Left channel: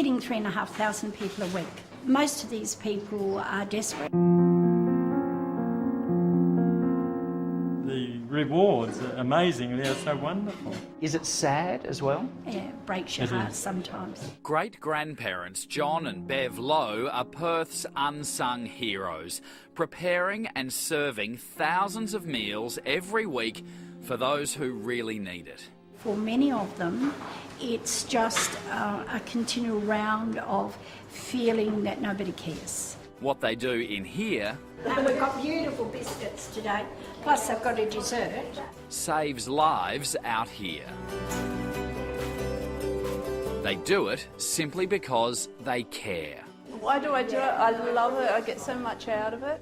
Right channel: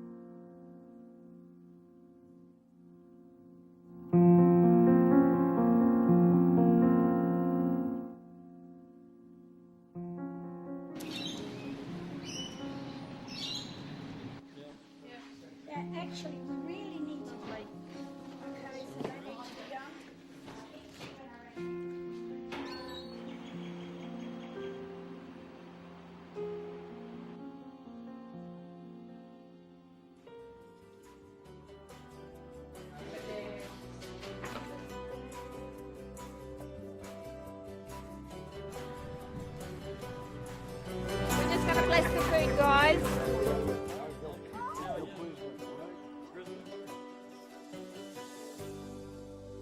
feeding 3,500 people a week. Most of these people are desperate. The rewards are amazing, they're so wonderful. Is it sad as well? Yeah, it breaks your heart sometimes. Great-grandparents John and Bev Lowe are Perth's unsung heroes, preparing and serving thousands of meals every week for those who really need it. For many of them, it's just a continual round of feeling that nobody cares. What they do in here And we've got beautiful biscuits today, plus I've got a dessert. saves lives out here. We're just gonna bless the food, guys. They do it simply because they care. Why do I do it? I love it. I get so much out of it.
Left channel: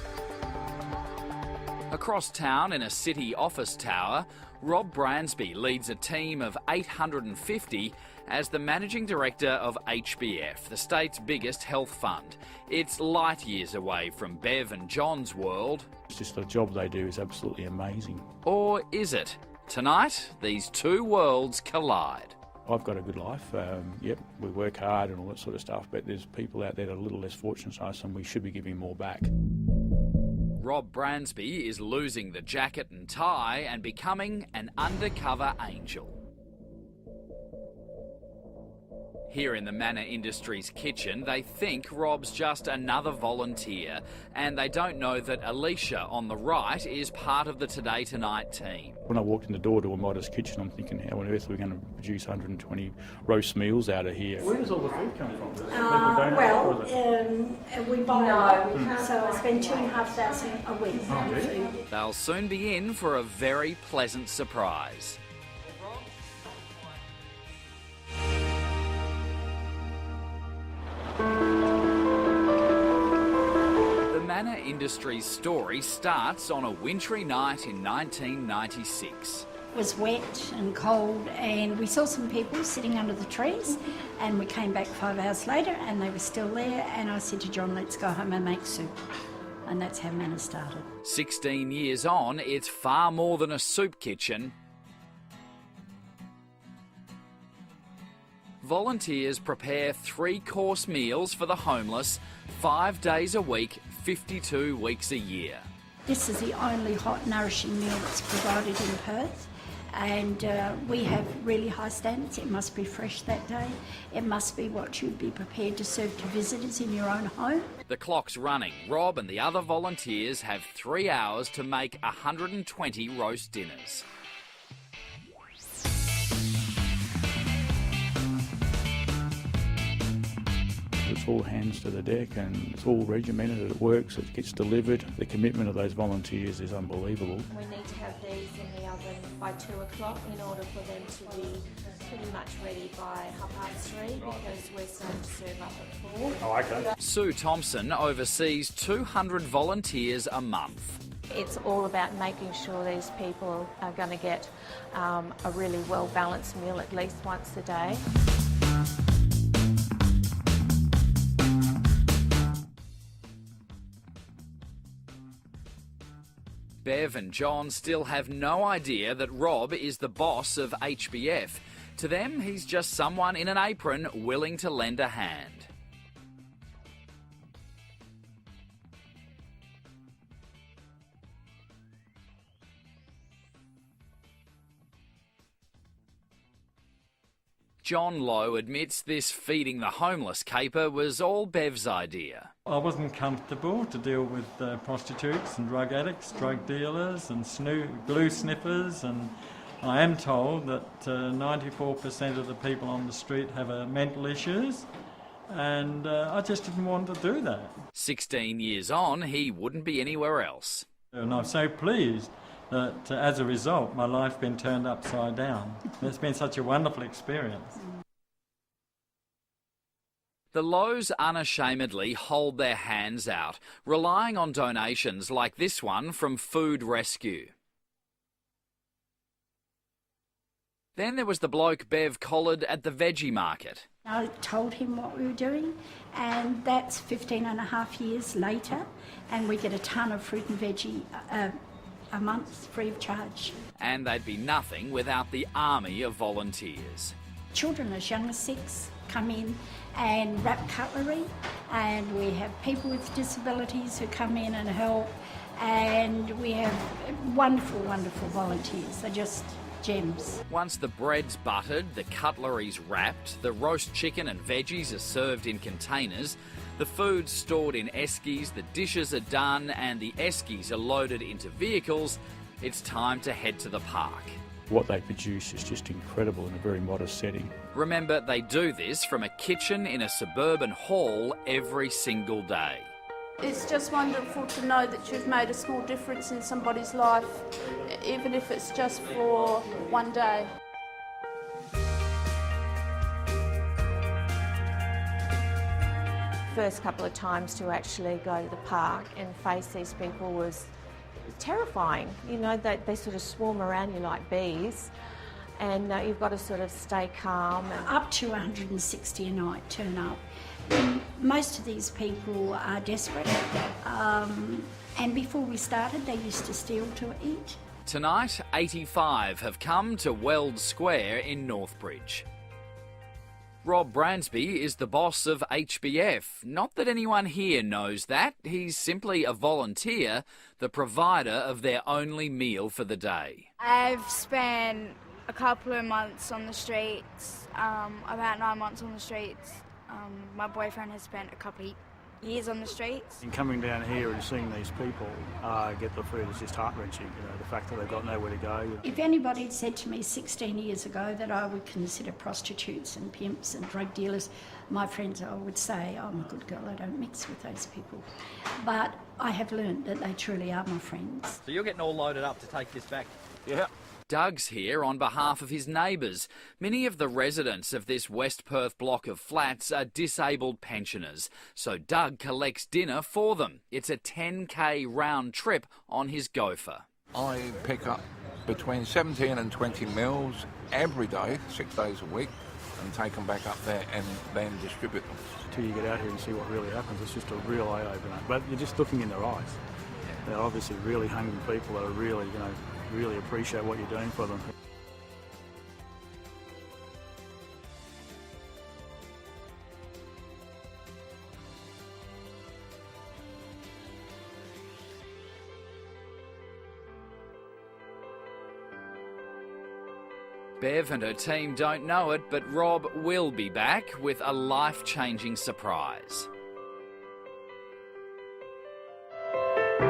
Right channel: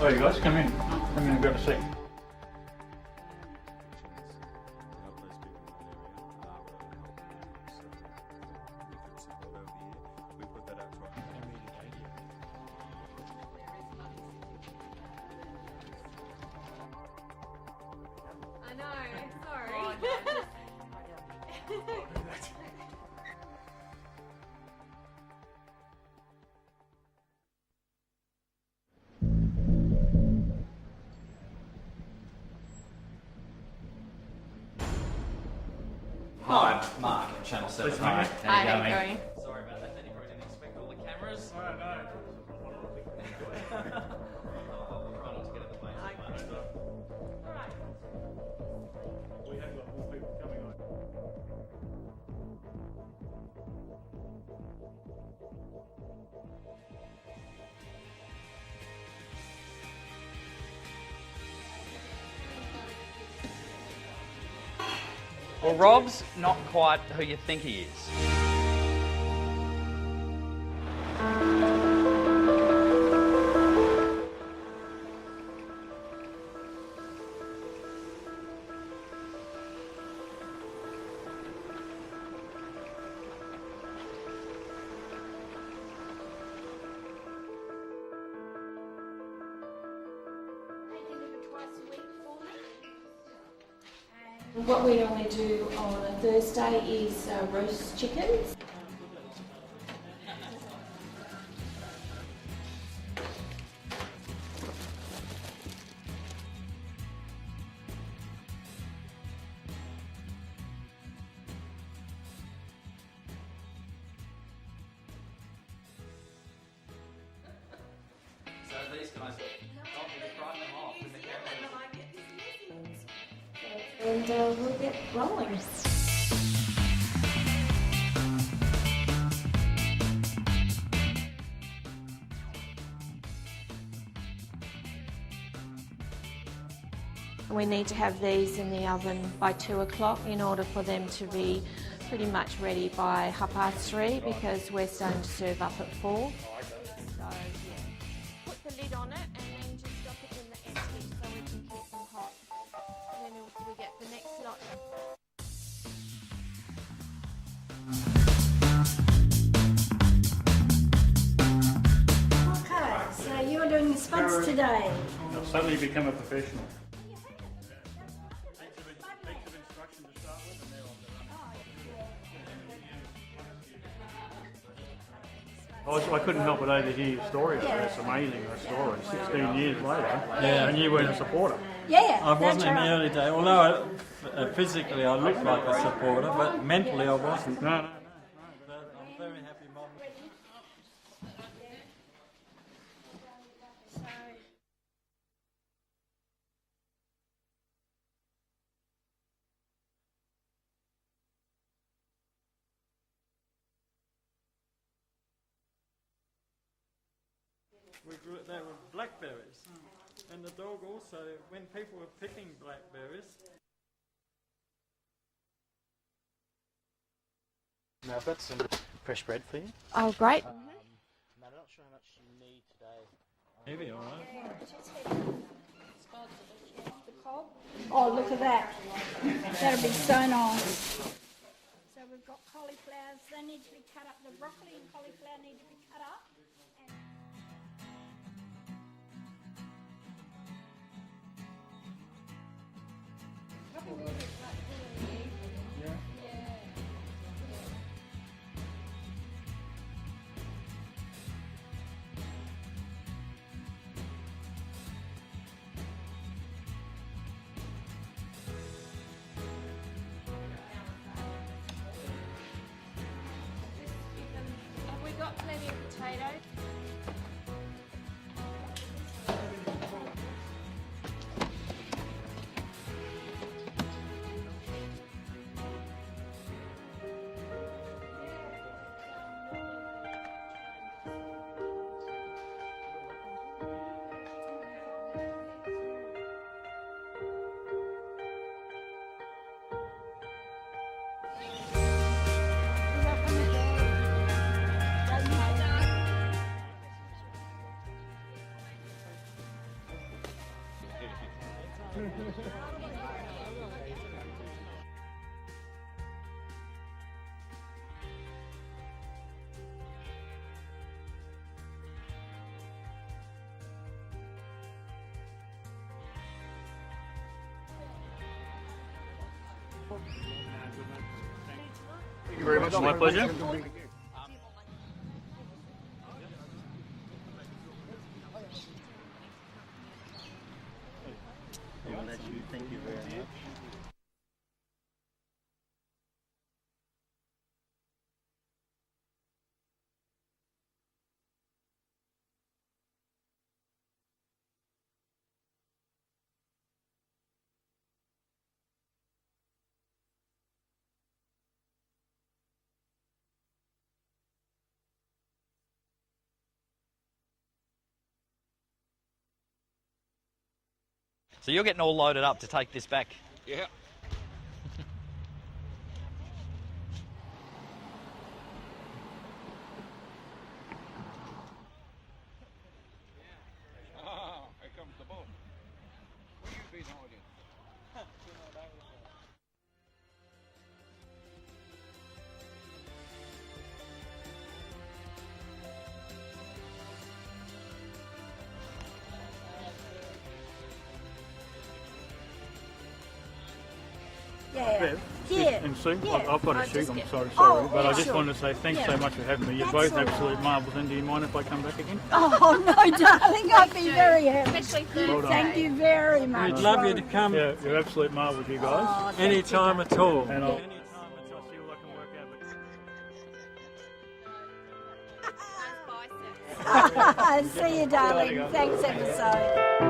Oh, you guys, come in. Come in and grab a seat. Across town in a city office tower, Rob Bransby leads a team of 850 as the Managing Director of HBF, the state's biggest health fund. It's light years away from Bev and John's world. It's just the job they do is absolutely amazing. Or is it? Tonight, these two worlds collide. I've got a good life. Yep, we work hard and all that sort of stuff, but there's people out there that are a little less fortunate than us, and we should be giving more back. Rob Bransby is losing the jacket and tie and becoming an undercover angel. Hi, Mark, Channel 7. Hi, How you going? Here in the Manna Industries kitchen, they think Rob's just another volunteer, and they don't know that Alicia on the right is part of the Today Tonight team. When I walked in the door to a modest kitchen, I'm thinking, how on earth are we going to produce 120 roast meals out of here? Where does all the food come from? We buy it, so I spend 2,500 a week. They'll soon be in for a very pleasant surprise. Well, Rob's not quite who you think he is. The Manna Industries story starts on a wintry night in 1996. It was wet and cold, and we saw some people sitting under the trees, and we came back 5 hours later and they were still there, and I said to John, let's go home and make soup. And that's how Manna started. 16 years on, it's far more than a soup kitchen. What we normally do on a Thursday is roast chickens. Volunteers prepare 3-course meals for the homeless 5 days a week, 52 weeks a year. This is the only hot, nourishing meal that's provided in Perth. And we have really high standards. It must be fresh that day. It must be what you'd be prepared to serve to visitors in your own home. The clock's running. Rob and the other volunteers have 3 hours to make 120 roast dinners. And we'll get rolling. It's all hands to the deck and it's all regimented, it works, it gets delivered. The commitment of those volunteers is unbelievable. We need to have these in the oven by 2 o'clock in order for them to be pretty much ready by 3:30 because we're starting to serve up at 4. Oh, okay. Sue Thompson oversees 200 volunteers a month. It's all about making sure these people are going to get a really well-balanced meal at least once a day. So you're doing the spuds today. I've suddenly become a professional. Bev and John still have no idea that Rob is the boss of HBF. To them, he's just someone in an apron willing to lend a hand. I couldn't help but overhear your story. It's amazing, the story. 16 years later, and you weren't a supporter. Yeah, I wasn't that's in the right. early days, although physically I looked like a supporter, but mentally I wasn't. No. John Lowe admits this feeding the homeless caper was all Bev's idea. I wasn't comfortable to deal with prostitutes and drug addicts, drug dealers and glue sniffers, and I am told that 94% of the people on the street have mental issues, and I just didn't want to do that. 16 years on, he wouldn't be anywhere else. And I'm so pleased that as a result my life's been turned upside down. It's been such a wonderful experience. Now I've got some fresh bread for you. Oh, great. The Lows unashamedly hold their hands out, relying on donations like this one from Food Rescue. Oh, look at that. That'll be so nice. Then there was the bloke Bev collared at the veggie market. I told him what we were doing, and that's 15 and a half years later, and we get a ton of fruit and veggie a month free of charge. And they'd be nothing without the army of volunteers. Children as young as 6 come in and wrap cutlery, and we have people with disabilities who come in and help, and we have wonderful, wonderful volunteers. They're just gems. Once the bread's buttered, the cutlery's wrapped, the roast chicken and veggies are served in containers, the food's stored in eskies, the dishes are done and the eskies are loaded into vehicles, it's time to head to the park. What they produce is just incredible in a very modest setting. Remember, they do this from a kitchen in a suburban hall every single day. It's just wonderful to know that you've made a small difference in somebody's life, even if it's just for one day. First couple of times to actually go to the park and face these people was terrifying. You know, they sort of swarm around you like bees, and you've got to sort of stay calm. Up to 160 a night turn up. Most of these people are desperate, and before we started they used to steal to eat. Tonight, 85 have come to Weld Square in Northbridge. Thank you very much. My pleasure. Rob Bransby is the boss of HBF. Not that anyone here knows that. He's simply a volunteer, the provider of their only meal for the day. I've spent a couple of months on the streets, about 9 months on the streets. My boyfriend has spent a couple of years on the streets. And coming down here and seeing these people get the food is just heart-wrenching, you know, the fact that they've got nowhere to go. If anybody had said to me 16 years ago that I would consider prostitutes and pimps and drug dealers my friends, I would say, I'm a good girl, I don't mix with those people. But I have learned that they truly are my friends. So you're getting all loaded up to take this back? Yeah. Doug's here on behalf of his neighbours. Many of the residents of this West Perth block of flats are disabled pensioners, so Doug collects dinner for them. It's a 10k round trip on his gopher. I pick up between 17 and 20 meals every day, 6 days a week, and take them back up there and then distribute them. Until you get out here and see what really happens, it's just a real eye-opener. But you're just looking in their eyes. They're obviously really hungry people that are really, really appreciate what you're doing for them. Yeah. Yeah. And Sue, Yeah. I've got to I shoot, just I'm get- sorry, Oh, but yeah, I just sure. wanted to say thanks Yeah. so much for having me. You're That's both all right. absolute marvels, and do you mind if I come back again? Oh no, darling, I'd be very happy. Especially Well done. Thank you very much. We'd love you to come Yeah, you're absolute marvels, you guys. any time at all. And I'll Bev and her team don't know it, but Rob will be back with a life-changing surprise. See you, darling. Thanks ever so.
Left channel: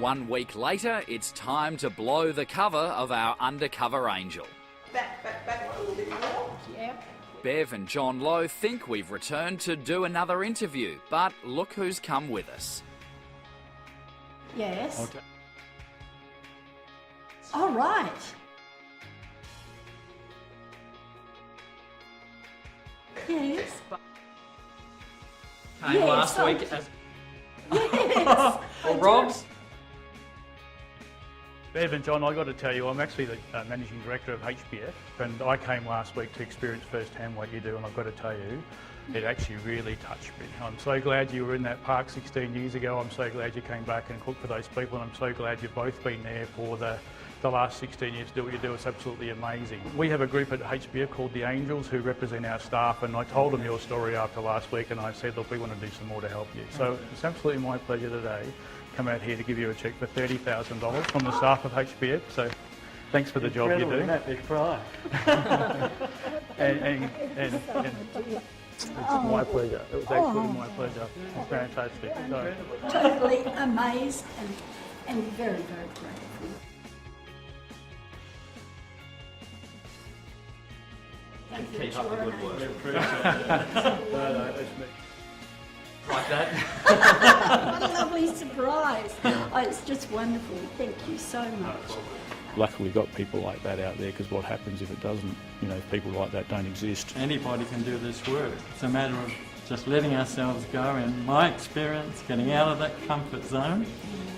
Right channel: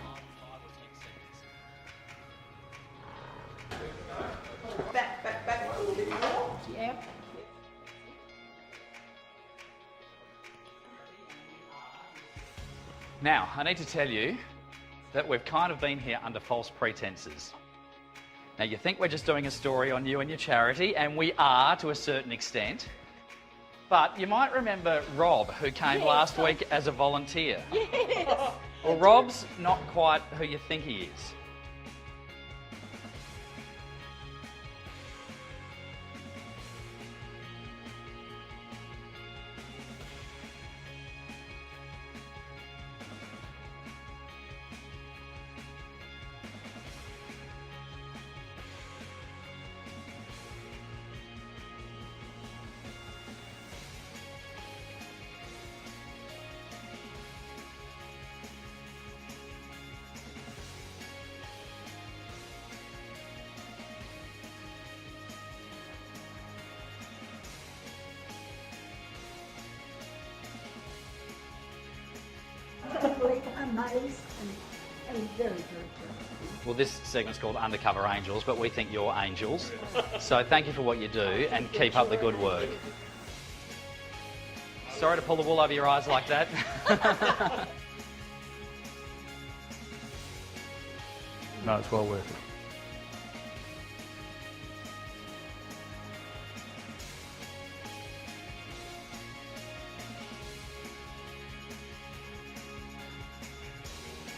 1 week later, it's time to blow the cover of our Undercover Angel. Yep. Bev and John Lowe think we've returned to do another interview, but look who's come with us. Now, I need to tell you Yes. that we've kind of been here under false pretenses. All right. Now, you think we're just doing a story on you and your charity, and we are to a certain extent. Yes. But you might remember Rob, who came Yes, last I- week as a volunteer. Yes. Well, Rob's not quite who you think he is. Bev and John, I've got to tell you, I'm actually the Managing Director of HBF, and I came last week to experience firsthand what you do, and I've got to tell you, it actually really touched me. I'm so glad you were in that park 16 years ago. I'm so glad you came back and cooked for those people, and I'm so glad you've both been there for the last 16 years to do what you do. It's absolutely amazing. We have a group at HBF called the Angels who represent our staff, and I told them your story after last week, and I said, look, we want to do some more to help you. So it's absolutely my pleasure today to come out here to give you a cheque for $30,000 from the staff of HBF. So thanks for the job you do. and it's my pleasure. It was absolutely my pleasure. Fantastic. So, Totally amazed and very, very grateful. Well, this segment's called Undercover Angels, but we think you're angels. So thank you for what you do, and keep up the good work. Sorry to pull the wool over your eyes like that. What a lovely surprise. Oh, it's just wonderful. Thank you so no, much. it's well worth it. Luckily we've got people like that out there, because what happens if it doesn't? You know, people like that don't exist. Anybody can do this work. It's a matter of just letting ourselves go. In my experience, getting out of that comfort zone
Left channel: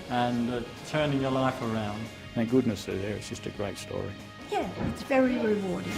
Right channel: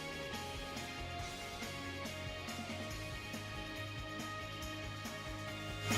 and turning your life around. Thank goodness they're there. It's just a great story. Yeah, it's very rewarding.